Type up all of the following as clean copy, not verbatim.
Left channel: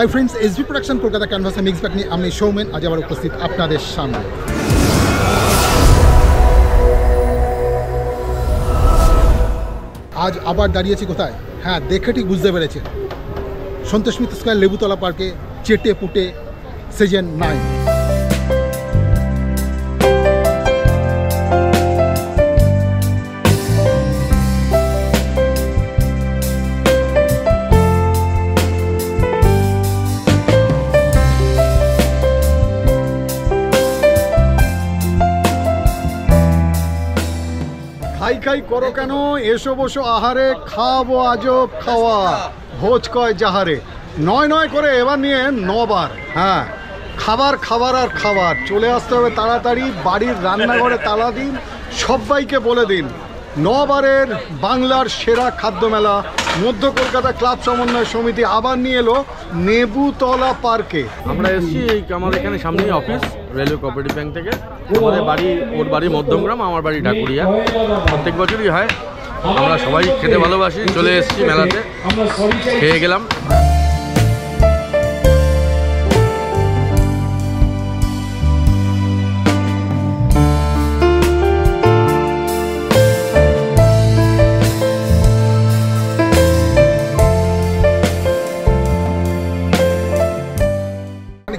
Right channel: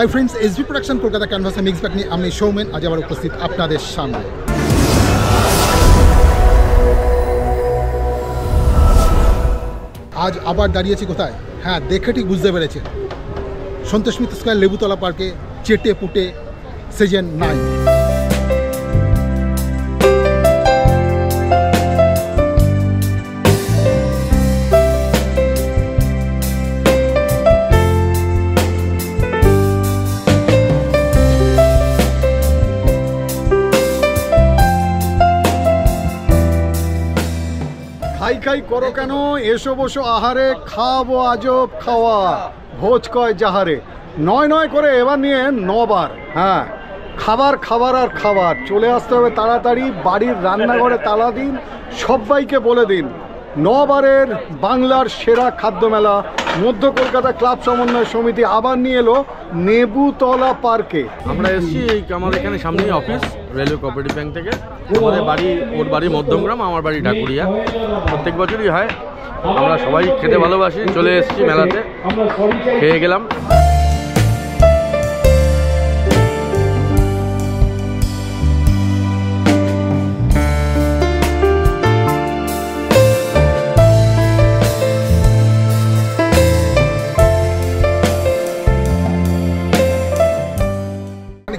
Hi friends, SB production Kolkata ক্যানভাসে mix back নিয়ে আমি সৌমেন আজ আবার উপস্থিত আপনাদের সামনে। আজ আবার দাঁড়িয়েছি কোথায়? হ্যাঁ, দেখে ঠিক বুঝতে পেরেছেন, সন্তোষ মিত্র স্কয়ার লেবুতলা পার্কে চেটে পুটে সিজন 9। খাই খাই করো কেন, এসো বসো আহারে, খাবো আজব খাওয়া, ভোজ কয় যাহারে। নয় নয় করে এবার নিয়ে 9 বার। হ্যাঁ, খাবার খাবার আর খাবার। চলে আসতে হবে তাড়াতাড়ি, বাড়ির রান্নাঘরে তালা দিন, সবাইকে বলে দিন 9 বারের বাংলার সেরা খাদ্য মেলা মধ্য কলকাতা ক্লাব সমন্বয় সমিতি আবার নিয়ে এলো নেবুতলা পার্কে। আমরা এসেছি আমাদের এখানে সামনেই অফিস রেলওয়ে কোঅপারেটিভ ব্যাংক থেকে। আমাদের বাড়ি, ওর বাড়ি মধ্যমগ্রাম, আমার বাড়ি ঢাকুরিয়া। প্রত্যেক বছরই হয়, আমরা সবাই খেতে ভালোবাসি। চলে এসেছি মেলাতে, খেয়ে গেলাম।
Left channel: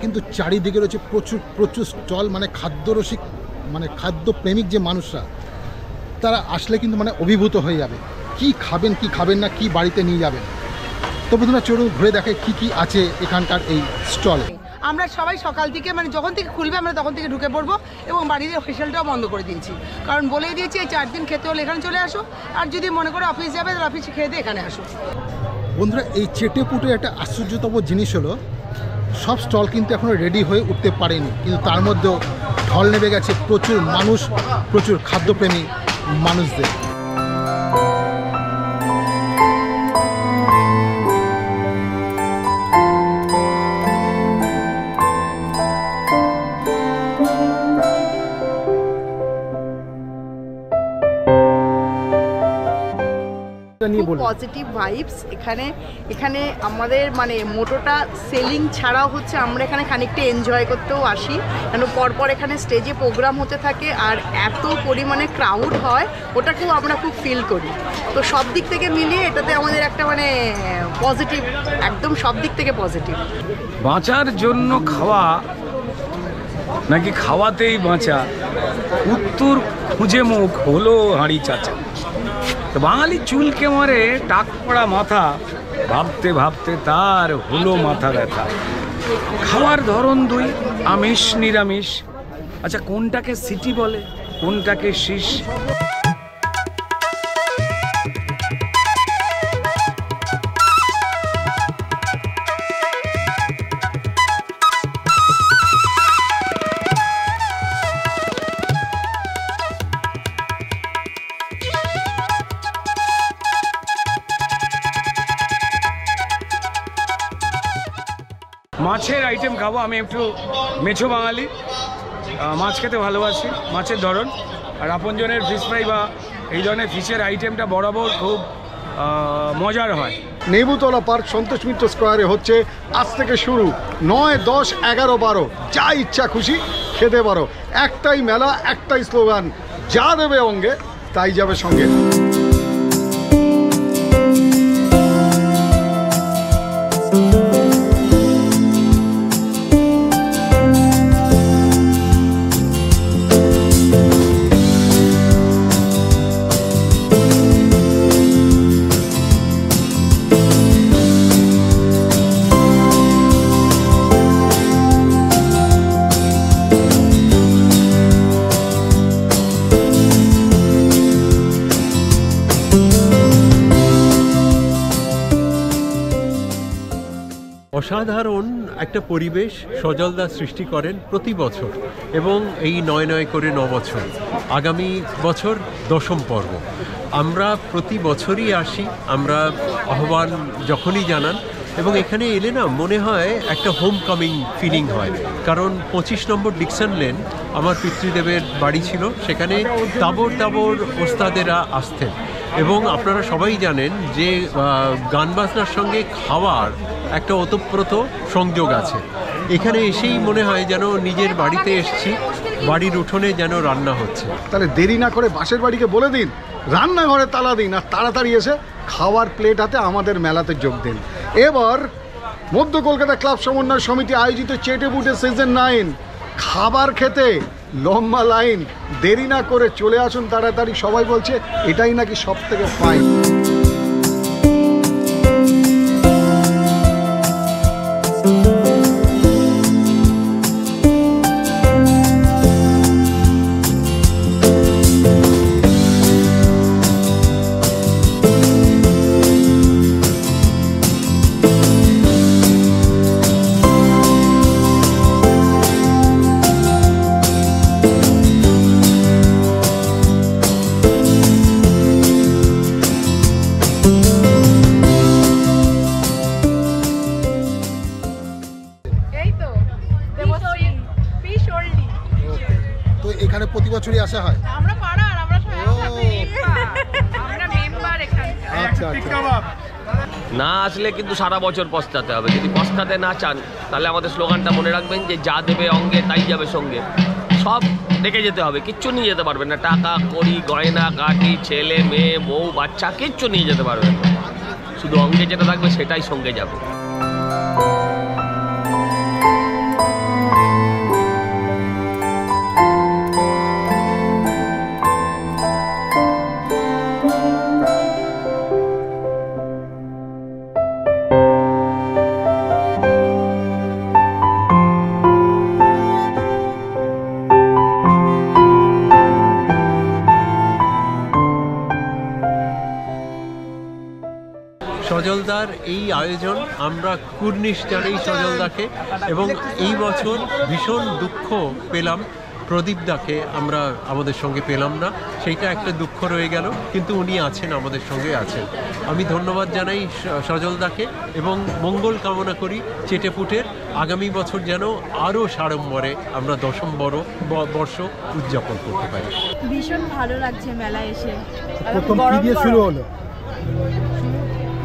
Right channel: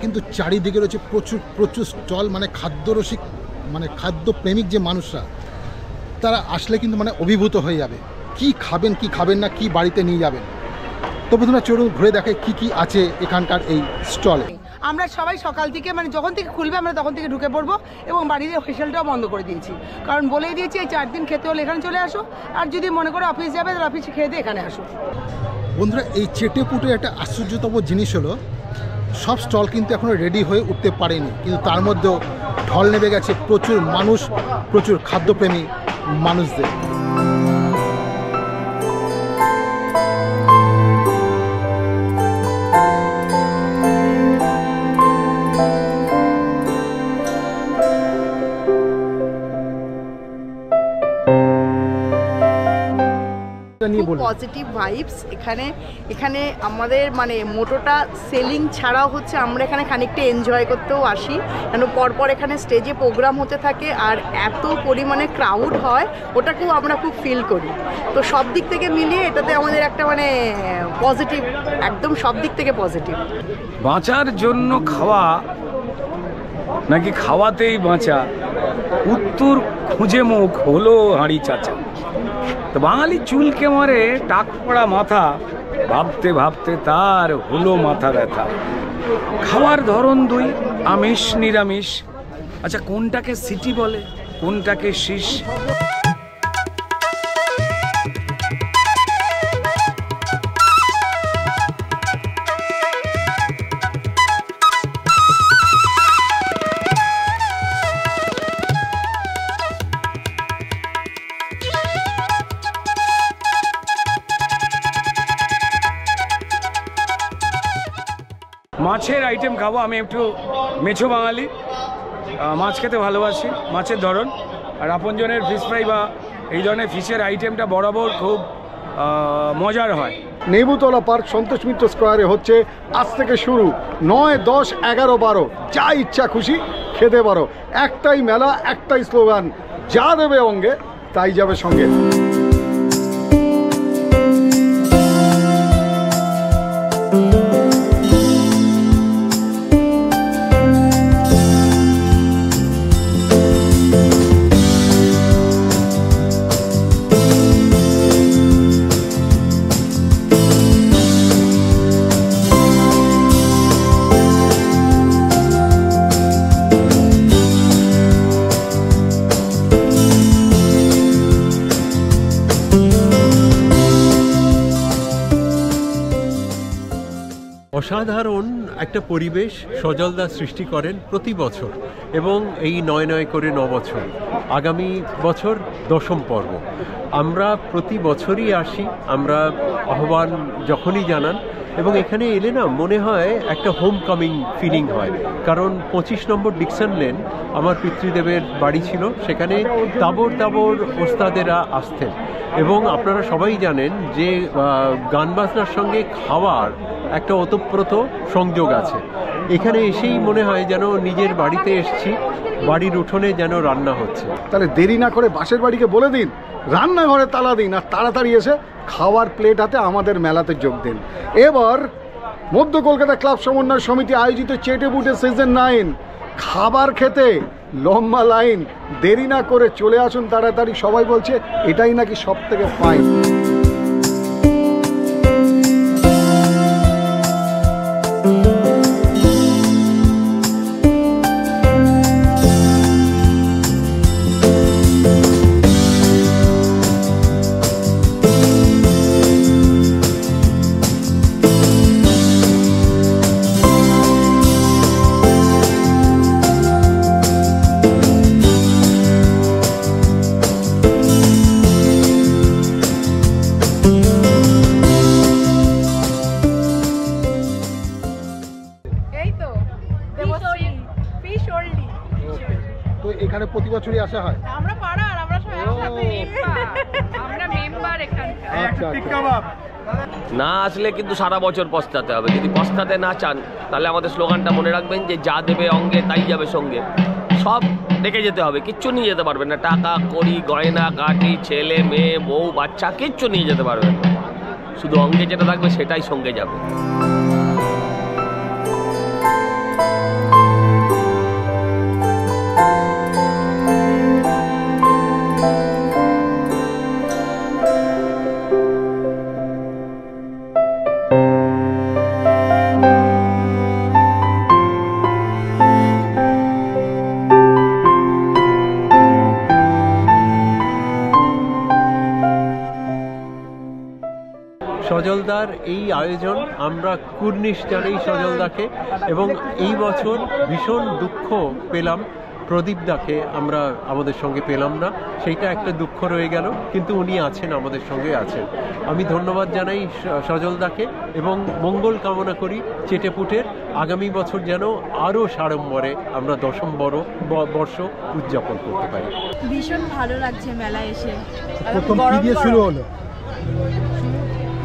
কিন্তু চারিদিকে রয়েছে প্রচুর প্রচুর স্টল, মানে খাদ্যরসিক, মানে খাদ্যপ্রেমিক যে মানুষরা, তারা আসলে কিন্তু মানে অভিভূত হয়ে যাবে। কি খাবেন কি খাবেন না, কি বাড়িতে নিয়ে যাবেন। তো বন্ধুরা চলুন ঘুরে দেখে কি কি আছে এখানকার এই স্টলে। আমরা সবাই সকাল থেকে মানে যখন থেকে খুলবে আমরা তখন থেকে ঢুকে পড়বো এবং বাড়ির হোটেলটাও বন্ধ করে দিয়েছি, কারণ বলেই দিয়েছি এই 4 দিন খেতে হলে এখানে চলে আসো, আর যদি মনে করো অফিস যাবে তাহলে অফিসে খেয়ে দিয়ে এখানে আসো। বন্ধুরা, এই চেটে পুটে একটা আশ্চর্যতম জিনিস হলো, সব স্টল কিন্তু এখনও রেডি হয়ে উঠতে পারেনি, কিন্তু তার মধ্যেও ঢল নেমে গেছে প্রচুর মানুষ, প্রচুর খাদ্যপ্রেমী মানুষদের। পজিটিভ ভাইবস এখানে আমাদের মানে মোটোটা সেলিং ছাড়াও হচ্ছে আমরা এখানে খানিকটা এনজয় করতেও আসি, কেন পরপর এখানে স্টেজে প্রোগ্রাম হতে থাকে আর এত পরিমাণে ক্রাউড হয়, ওটাকেও আমরা খুব ফিল করি। তো সব দিক থেকে মিলিয়ে এটাতে আমাদের একটা মানে পজিটিভ, একদম সব দিক থেকে পজিটিভ। বাঁচার জন্য খাওয়া নাকি খাওয়াতেই বাঁচা, উত্তর খুঁজে মুখ হলো হাঁড়ি চাচা। তো বাঙালি চুলকে মারে টাক পড়া মাথা, ভাবতে ভাবতে তার হলো মাথা ব্যথা। খাওয়ার ধরন দুই, আমিষ নিরামিষ। আচ্ছা, কোনটাকে সিটি বলে, কোনটাকে শীষ? মাছের আইটেম খাবো। আমি একটু মেছো বাঙালি, মাছ খেতে ভালোবাসি, মাছের ধরন। আর আপনজনের ফিশ ফ্রাই বা এই ধরনের ফিশের আইটেমটা বরাবর খুব মজার হয়। নেবুতলা পার্ক সন্তোষ মিত্র স্কয়ারে হচ্ছে আজ থেকে শুরু 9, 10, 11, 12, যা ইচ্ছা খুশি খেতে পারো। একটাই মেলা, একটাই স্লোগান, যা দেবে অঙ্গে তাই যাবে সঙ্গে। অসাধারণ একটা পরিবেশ সজলদা সৃষ্টি করেন প্রতি বছর, এবং এই 9 করে 9 বছর, আগামী বছর 10ম পর্ব। আমরা প্রতি বছরই আসি, আমরা আহ্বান যখনই জানান, এবং এখানে এলে না মনে হয় একটা হোম কামিং ফিলিং হয়, কারণ 25 নম্বর ডিকসন লেন আমার পিতৃদেবের বাড়ি ছিল, সেখানে তাবর তাবর ওস্তাদেরা আসতেন। এবং আপনারা সবাই জানেন যে গান বাজনার সঙ্গে খাওয়ার একটা ওতপ্রোত সংযোগ আছে। এখানে এসেই মনে হয় যেন নিজের বাড়িতে এসেছি, বাড়ির উঠোনে যেন রান্না হচ্ছে। তাহলে দেরি না করে বাসের বাড়িকে বলে দিন, রান্নাঘরে তালা দিন, আর তাড়াতাড়ি এসে খাওয়ার প্লেট হাতে আমাদের মেলাতে যোগ দিন। এবার মধ্য কলকাতা ক্লাব সমন্বয় সমিতি আয়োজিত চেটে বুটে সিজন 9 খাবার খেতে লম্বা লাইন। দেরি না করে চলে আসুন তাড়াতাড়ি। সবাই বলছে এটাই নাকি সব থেকে ফাইন। তো এখানে প্রতি বছরই আসা হয়? আমরা পাড়ার, আমরা সবাই একসাথে আমরা মেম্বার এখানকার। আচ্ছা আচ্ছা। না আসলে কিন্তু সারা বছর পস্তাতে হবে। যদি পস্তাতে না চান তাহলে আমাদের স্লোগানটা মনে রাখবেন যে যা দেবে অঙ্গে তাই যাবে সঙ্গে। সব দেখে যেতে হবে, কিচ্ছু নিয়ে যেতে পারবেন না। টাকা কড়ি গয়না কাঠি ছেলে মেয়ে বউ বাচ্চা কিচ্ছু নিয়ে যেতে পারবেন না। শুধু অঙ্গে যেটা থাকবে সেটাই সঙ্গে যাবে। সজলদার এই আয়োজন আমরা কুর্নিশ জানাই সজলদাকে, এবং এই বছর ভীষণ দুঃখ পেলাম প্রদীপদাকে আমরা আমাদের সঙ্গে পেলাম না, সেইটা একটা দুঃখ রয়ে গেল। কিন্তু উনি আছেন, আমাদের সঙ্গে আছেন। আমি ধন্যবাদ জানাই সজলদাকে এবং মঙ্গল কামনা করি চেটেপুটের আগামী বছর যেন আরও সাড়ম্বরে আমরা 10ম বর্ষ উদযাপন করতে পারি। ভীষণ ভালো লাগছে মেলা এসে। প্রথম কি দিয়ে শুরু হলো?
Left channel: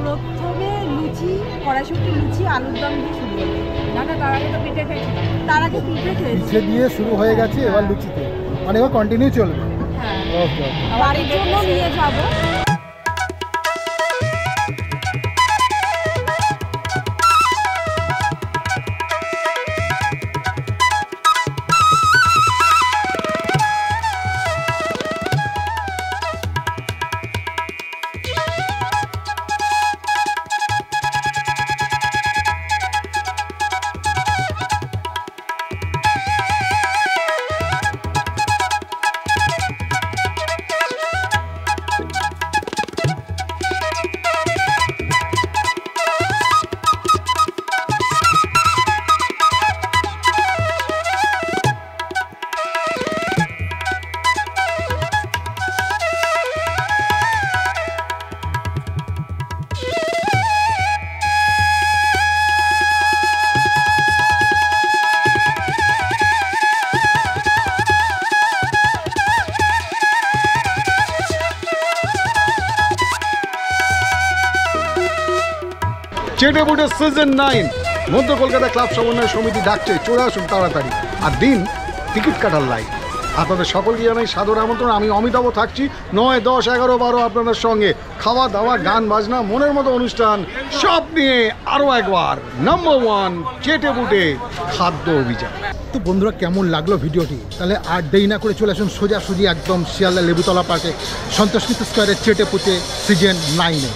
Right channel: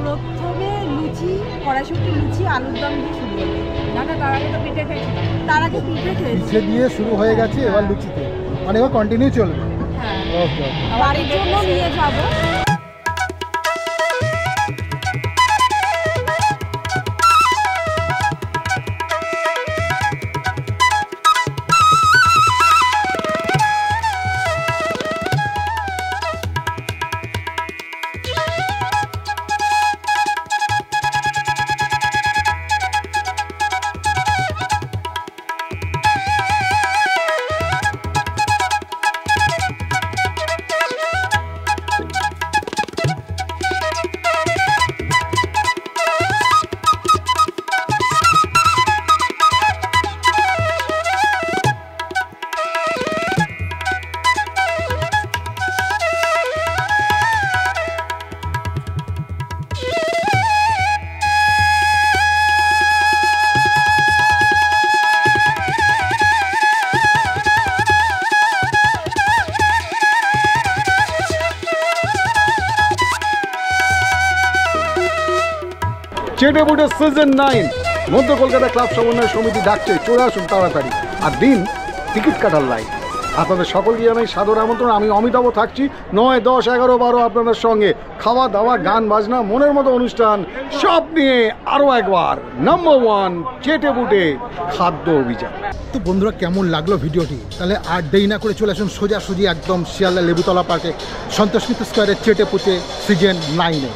প্রথমে লুচি, কড়াইশুঁটি লুচি আলুর দম দিয়ে শুরু হলো। না তার আগে তো পিঠে খেয়েছি। তার আগে পিঠে খেয়েছি। পিঠে দিয়ে শুরু হয়ে গেছে, এবার লুচিতে, মানে এবার কন্টিনিউ চলবে। হ্যাঁ, ওকে। বাড়ির জন্য নিয়ে যাবো। চেটে বুটে সিজন 9 মধ্য কলকাতা ক্লাব সমন্বয় সমিতি ডাকছে, চলে আসুন তাড়াতাড়ি। আর দিন টিকিট কাটার লাইন। আপনাদের সকলকে জানাই সাদর আমন্ত্রণ। আমি অমিতাভ থাকছি 9, 10, 11, 12 আপনাদের সঙ্গে। খাওয়া দাওয়া গান বাজনা মনের মতো অনুষ্ঠান সব নিয়ে আরও একবার নাম্বার 1 চেটে বুটে খাদ্য অভিযান। তো বন্ধুরা, কেমন লাগলো ভিডিওটি? তাহলে আর দেরি না করে চলে আসুন সোজাসুজি একদম শিয়ালদা লেবুতলা পার্কে সন্তোষ মিত্র স্কোয়ারের চেটে বুটে সিজন 9-এ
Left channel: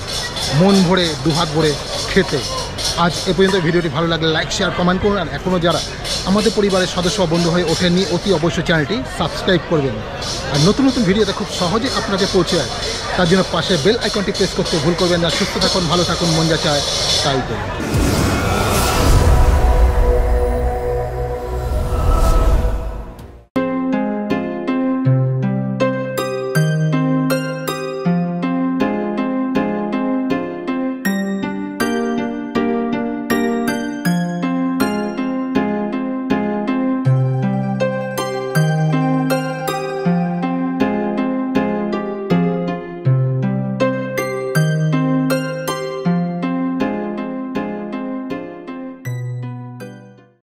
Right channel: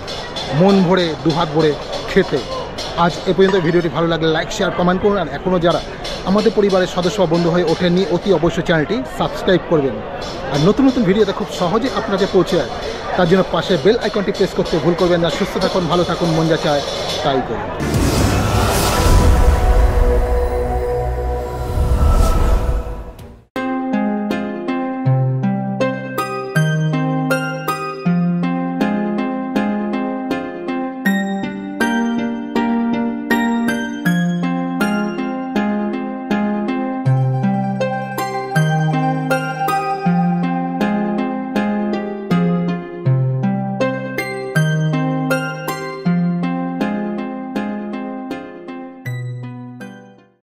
মন ভরে দুহাত ভরে খেতে। আজ এ পর্যন্ত। ভিডিওটি ভালো লাগলে লাইক শেয়ার কমেন্ট করুন। আর এখনও যারা আমাদের পরিবারের সদস্য বন্ধু হয়ে ওঠেননি, অতি অবশ্যই চ্যানেলটি সাবস্ক্রাইব করবেন। আর নতুন নতুন ভিডিওতে খুব সহজে আপনাকে পৌঁছে যায়, তার জন্য পাশে বেল আইকনটি প্রেস করতে ভুল করবেন না। সুস্থ থাকুন, ভালো থাকুন, মন যা চায় তাই করুন।